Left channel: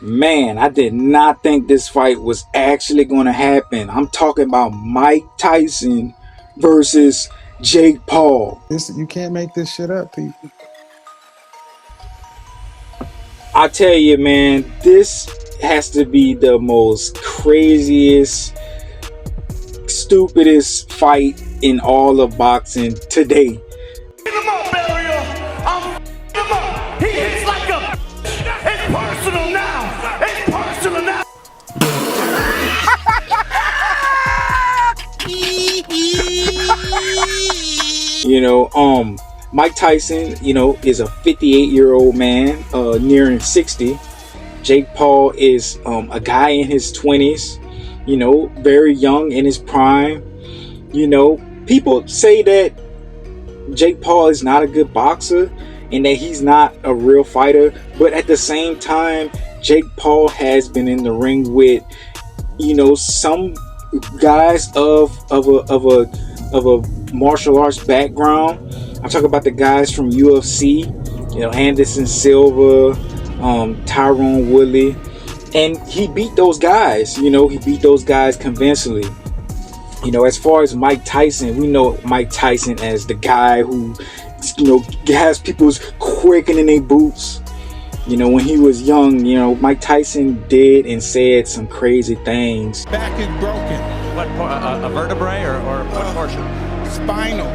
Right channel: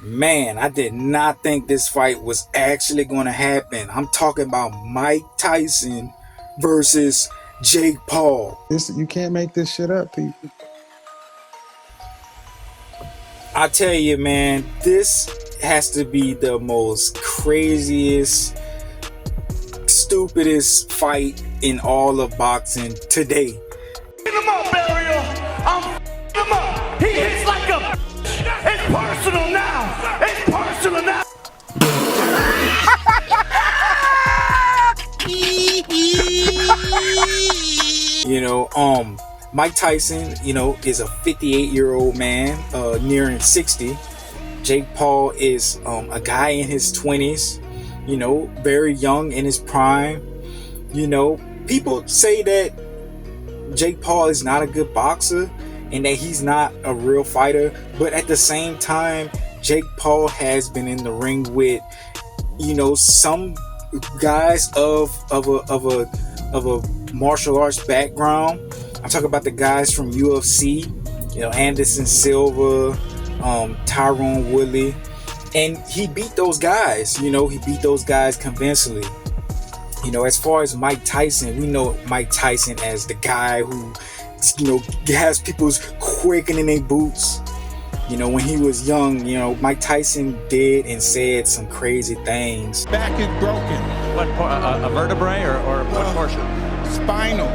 Man, I did not think this fight was actually going to happen. I'm talking about Mike Tyson versus Jake Paul. You can't make this shit up, people. I tell you, man, this has to be the most craziest, stupidest fight in all of boxing today. Hit him up, Ariel. I'm him up. He hits like a. It's personal now. It's personal now. Mike Tyson, is a 58-year-old man, nearing 60. Jake Paul is a guy in his 20s, very young in his prime. People say that Jake Paul is not a good boxer and that he's not a real fighter, but at the same time, Jake Paul has been in the ring with, some guys of a martial arts background. I'm talking about the guys from UFC, Anderson Silva, Tyrone Woodley, and he beat those guys. He beat those guys convincingly. As far as Mike Tyson, we know Mike Tyson as the guy who, has people's quaking in their boots. When he was young, Mike Tyson did and said some crazy things. Back is broken. What, a vertebrae or what portion? Spinal.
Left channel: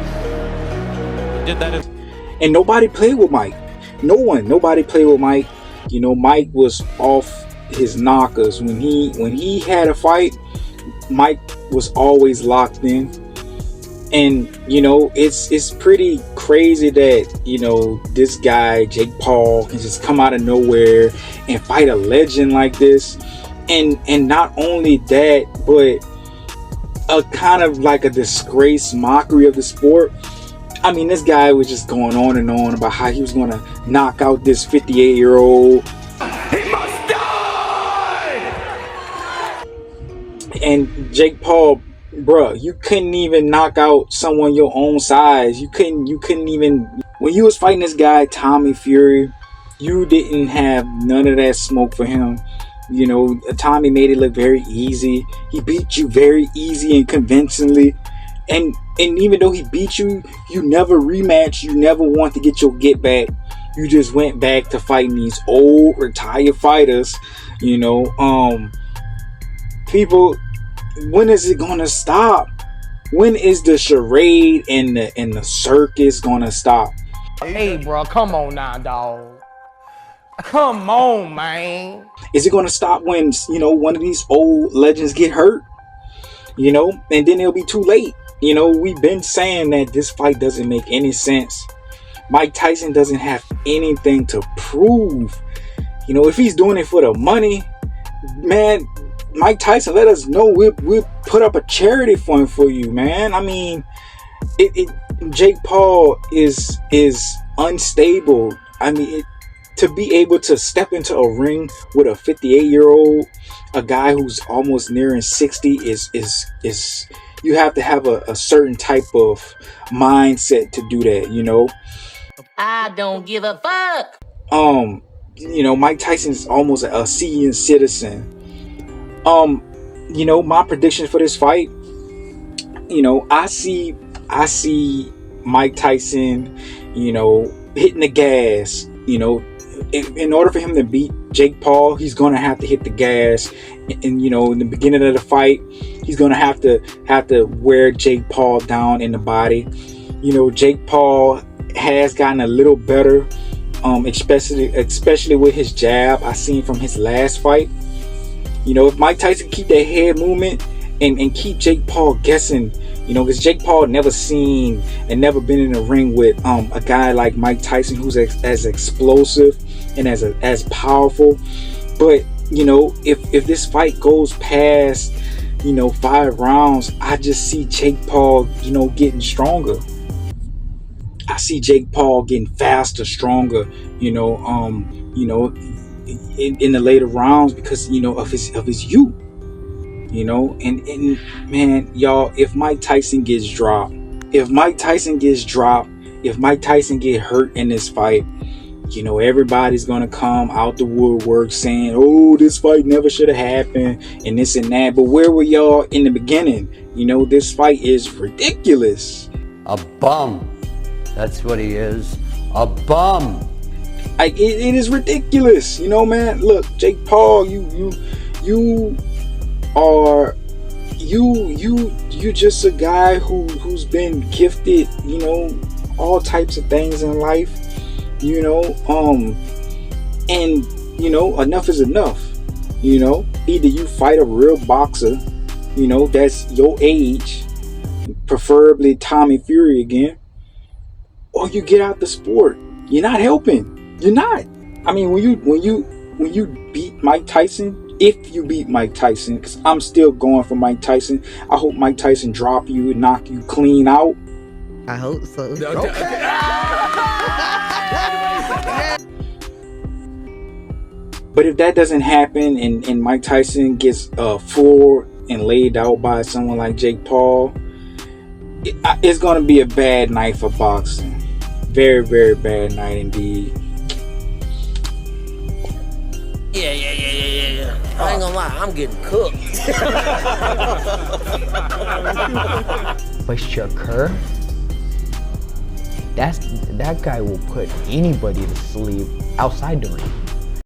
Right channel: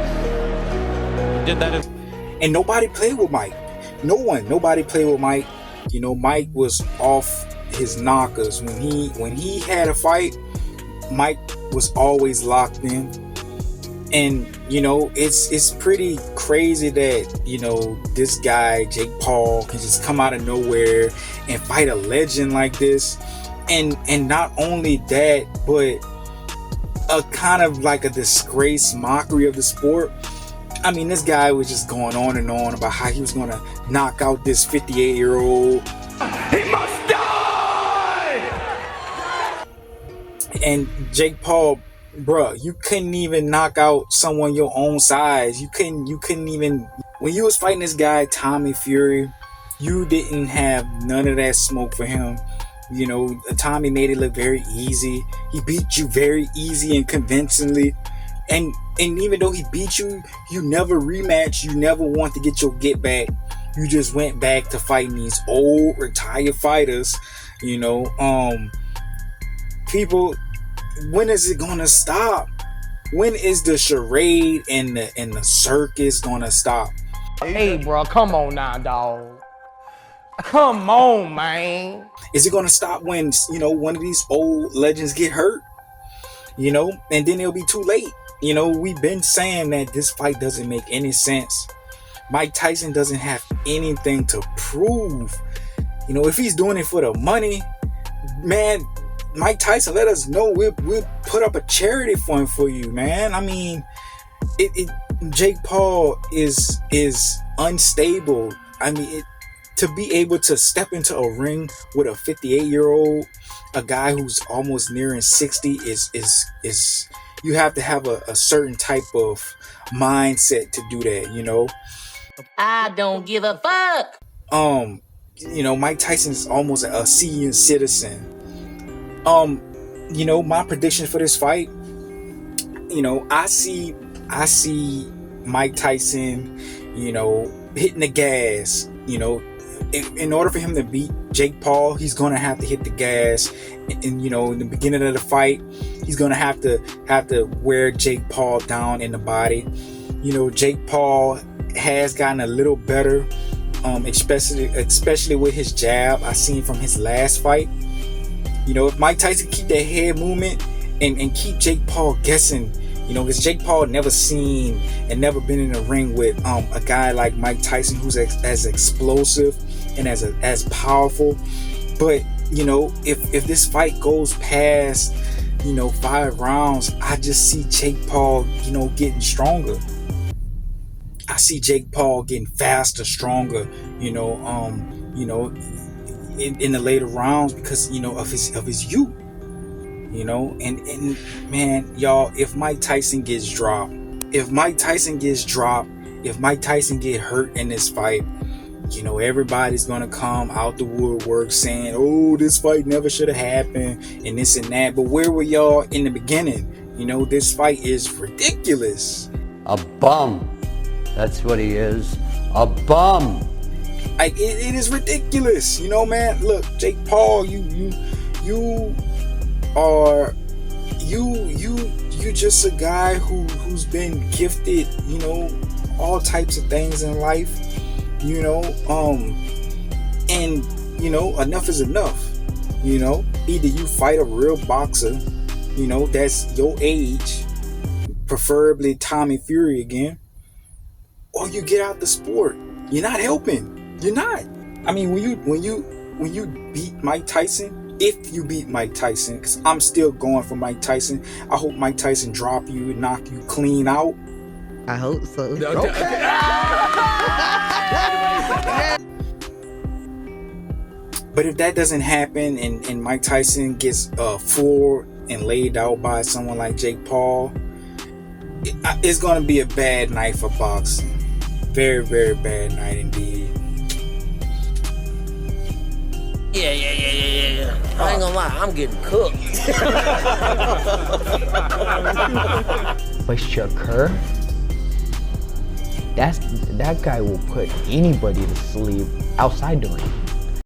Did that and nobody played with Mike. Nobody played with Mike. Mike was off his knockers. When he had a fight, Mike was always locked in. And it's pretty crazy that this guy Jake Paul can just come out of nowhere and fight a legend like this, and not only that, but a kind of like a disgrace, mockery of the sport. I mean, this guy was just going on and on about how he was going to knock out this 58-year-old. He must die! And Jake Paul, bruh, you couldn't even knock out someone your own size. You couldn't even... When you was fighting this guy, Tommy Fury, you didn't have none of that smoke for him. Tommy made it look very easy. He beat you very easy and convincingly. And even though he beat you, you never rematched. You never want to get your get back. You just went back to fighting these old retired fighters. People, when is it gonna stop? When is the charade and the circus gonna stop? Hey, bro, come on now, dog. Come on, man. Is it gonna stop when one of these old legends get hurt? And then it'll be too late. We've been saying that this fight doesn't make any sense. Mike Tyson doesn't have anything to prove. If he's doing it for the money, man, Mike Tyson, let us know. We'll put up a charity fund for you, man. I mean, Jake Paul is unstable. I mean, to be able to step into a ring with a 58-year-old, a guy who's almost nearing 60 is you have to have a certain type of mindset to do that, I don't give a fuck. Mike Tyson's almost a senior citizen. My prediction for this fight, I see Mike Tyson, hitting the gas. In order for him to beat Jake Paul, he's gonna have to hit the gas. And in the beginning of the fight, he's gonna have to wear Jake Paul down in the body. Jake Paul has gotten a little better, especially with his jab. I seen from his last fight. If Mike Tyson keep that head movement and keep Jake Paul guessing, because Jake Paul never seen and never been in a ring with a guy like Mike Tyson who's as explosive and as powerful. But if this fight goes past 5 rounds, I just see Jake Paul getting stronger. I see Jake Paul getting faster, stronger, in the later rounds because of his youth. And man, y'all, if Mike Tyson gets dropped, if Mike Tyson get hurt in this fight, You know, everybody's gonna come out the woodwork saying, oh, this fight never should have happened, and this and that. But where were y'all in the beginning? You know, this fight is ridiculous. A bum. That's what he is. A bum. Like, it is ridiculous. You know, man. Look, Jake Paul, you just a guy who's been gifted, you know, all types of things in life. You know, and you know, enough is enough. You know, either you fight a real boxer, you know, that's your age, preferably Tommy Fury again, or you get out the sport. You're not helping. You're not. I mean, when you beat Mike Tyson, if you beat Mike Tyson, because I'm still going for Mike Tyson. I hope Mike Tyson drop you and knock you clean out. I hope so. Okay. But if that doesn't happen and Mike Tyson gets floored and laid out by someone like Jake Paul, it's going to be a bad night for boxing. Very, very bad night indeed. Yeah. I ain't gonna lie, I'm getting cooked. But Shakur, that guy will put anybody to sleep outside the ring.